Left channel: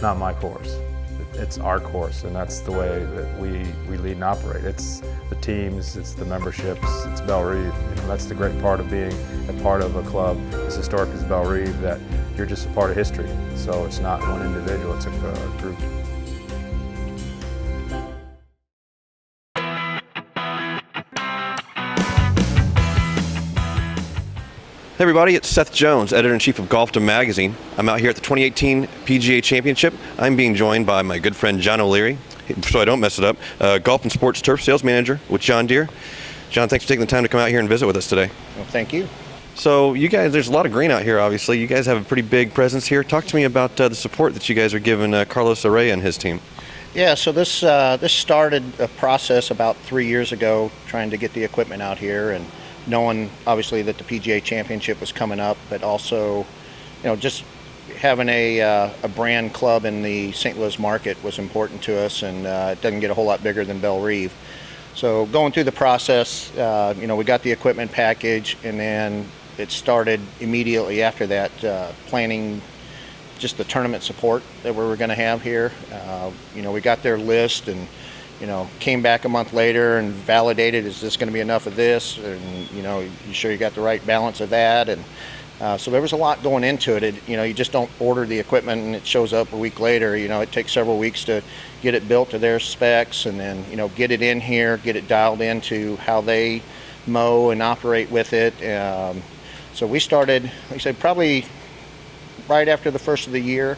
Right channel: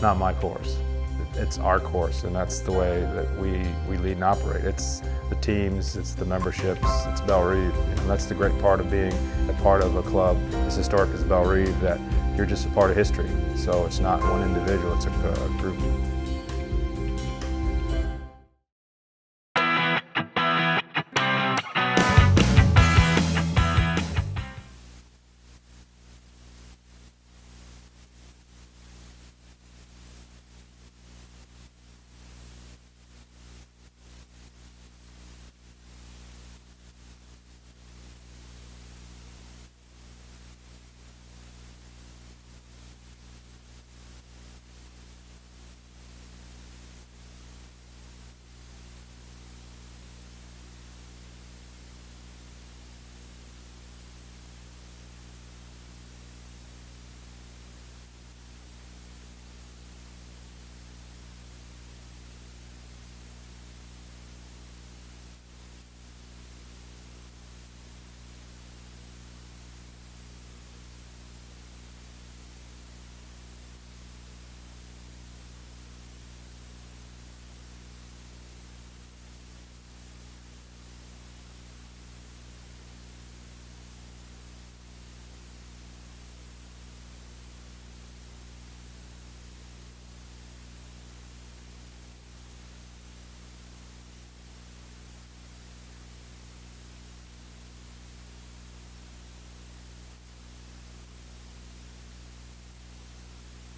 It's not my course. It's our course, and that's the way that we lead and operate. It's the teams, it's the memberships, it's Bellerive. That's the great part of being a part of a club as historic as Bellerive, that you're just a part of history. So it's not one individual, it's a group. Hey everybody, it's Seth Jones, Editor-in-Chief of Golfdom Magazine. I'm out here at the 2018 PGA Championship. I'm being joined by my good friend John O'Leary, so I don't mess it up, Golf and Sports Turf Sales Manager with John Deere. John, thanks for taking the time to come out here and visit with us today. Well, thank you. So you guys, there's a lot of green out here, obviously. You guys have a pretty big presence here. Talk to me about the support that you guys are giving Carlos Araya and his team. Yeah, so this started a process about 3 years ago, trying to get the equipment out here, and knowing obviously that the PGA Championship was coming up, but also, just having a brand club in the St. Louis market was important to us, and it doesn't get a whole lot bigger than Bellerive. So going through the process, we got the equipment package, and then it started immediately after that, planning just the tournament support that we were going to have here. We got their list and came back a month later and validated, is this going to be enough of this? And, you sure you got the right balance of that? And so there was a lot going into it. You just don't order the equipment and it shows up a week later. It takes several weeks to get it built to their specs, and then, get it in here, get it dialed into how they mow and operate with it. So we started, like I said, probably right after the first of the year.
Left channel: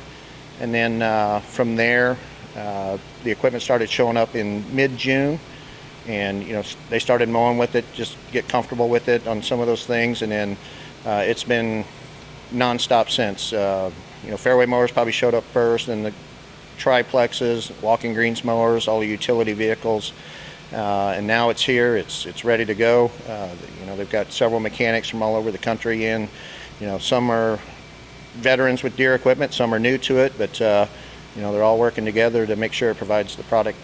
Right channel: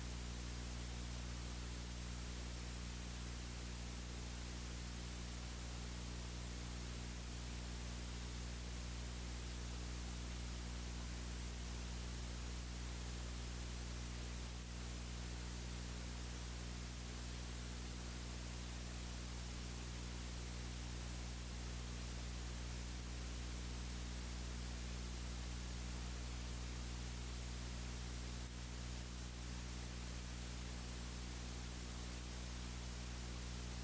And then from there, the equipment started showing up in mid-June, and they started mowing with it, just get comfortable with it on some of those things, and then it's been non-stop since. Fairway mowers probably showed up first, and the triplexes, walking greens mowers, all the utility vehicles, and now it's here. It's ready to go. They've got several mechanics from all over the country in. Some are veterans with Deere equipment, some are new to it, but they're all working together to make sure it provides the product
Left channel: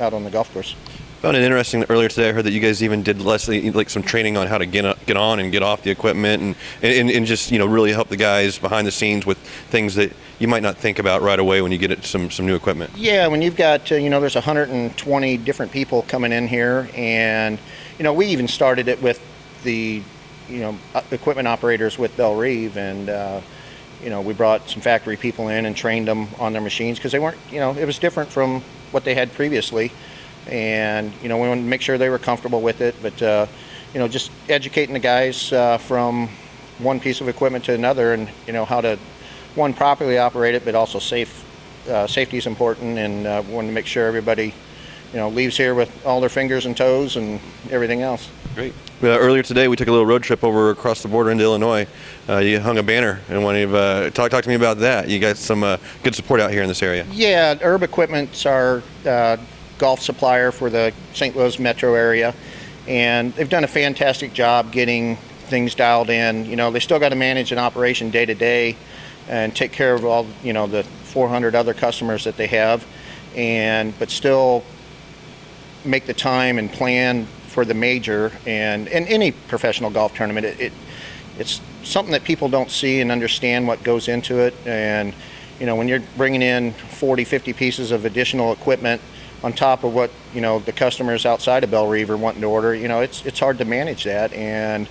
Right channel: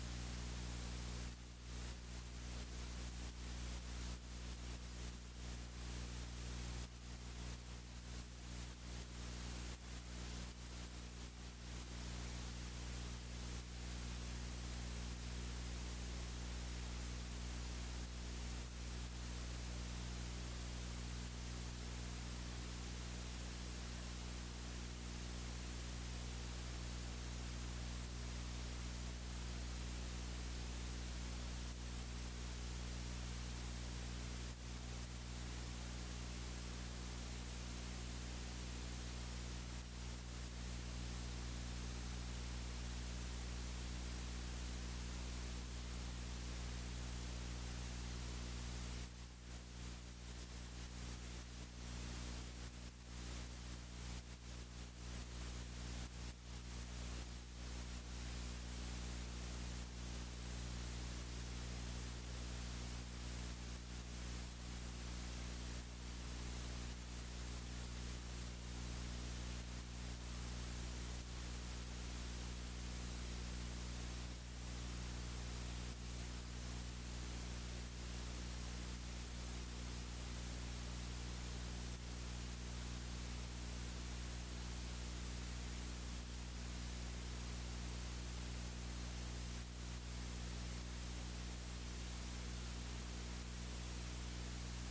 out on the golf course. Found it interesting that earlier today I heard that you guys even did like some training on how to get on and get off the equipment, and just really help the guys behind the scenes with things that you might not think about right away when you get some new equipment. Yeah, when you've got there's 120 different people coming in here, and we even started it with the equipment operators with Bellerive, and we brought some factory people in and trained them on their machines, because they weren't, it was different from what they had previously. And, we wanted to make sure they were comfortable with it, but, just educating the guys from one piece of equipment to another, and, how to, one, properly operate it, but also safety is important, and wanted to make sure everybody, leaves here with all their fingers and toes and everything else. Great. Earlier today, we took a little road trip over across the border into Illinois. You hung a banner, and talk to me about that. You got some good support out here in this area. Yeah, Herb Equipment's our golf supplier for the St. Louis metro area, and they've done a fantastic job getting things dialed in. They still got to manage an operation day to day and take care of all the 400 other customers that they have, but still make the time and plan for the major and any professional golf tournament. It's something that people don't see and understand what goes into it. And when you're bringing in 40-50 pieces of additional equipment on top of what the customers outside of Bellerive are wanting to order, it's hard to manage that. And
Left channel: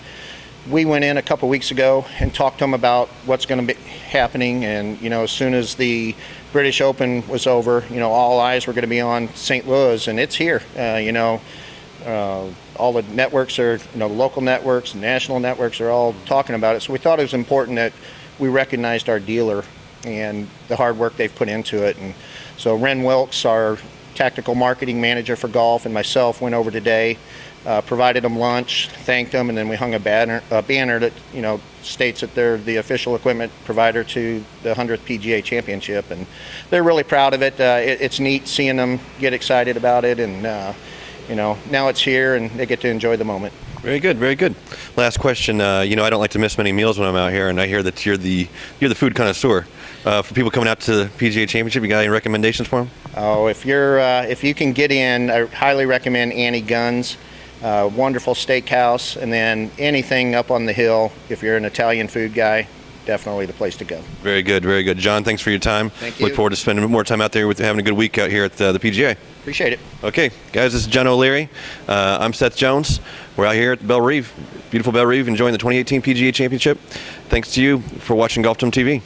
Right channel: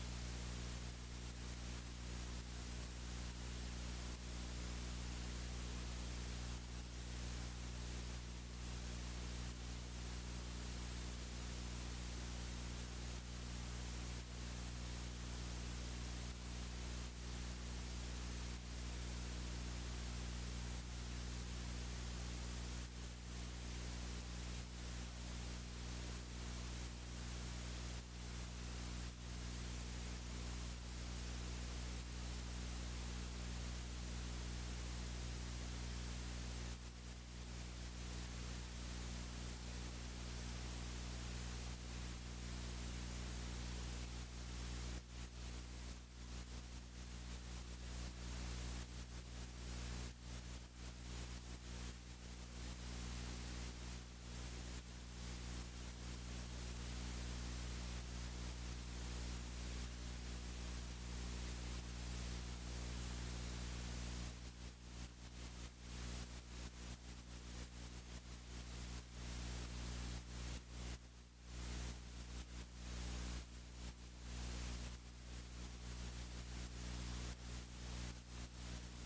we went in a couple weeks ago and talked to them about what's going to be happening, and as soon as the British Open was over, all eyes were going to be on St. Louis, and it's here. All the networks are, local networks, national networks are all talking about it. So we thought it was important that we recognized our dealer and the hard work they've put into it. And so Ren Wilkes, our tactical marketing manager for golf, and myself went over today, provided them lunch, thanked them, and then we hung a banner that states that they're the official equipment provider to the 100th PGA Championship, and they're really proud of it. It's neat seeing them get excited about it, and now it's here and they get to enjoy the moment. Very good, very good. Last question. I don't like to miss many meals when I'm out here, and I hear that you're the food connoisseur. For people coming out to the PGA Championship, you got any recommendations for them? Oh, if you can get in, I highly recommend Annie Gunn's. Wonderful steakhouse, and then anything up on the hill. If you're an Italian food guy, definitely the place to go. Very good, very good. John, thanks for your time. Thank you. Look forward to spending more time out there with having a good week out here at the PGA. Appreciate it. Okay, guys, this is John O'Leary. I'm Seth Jones. We're out here at Bellerive, beautiful Bellerive, enjoying the 2018 PGA Championship. Thanks to you for watching Golf Dome TV.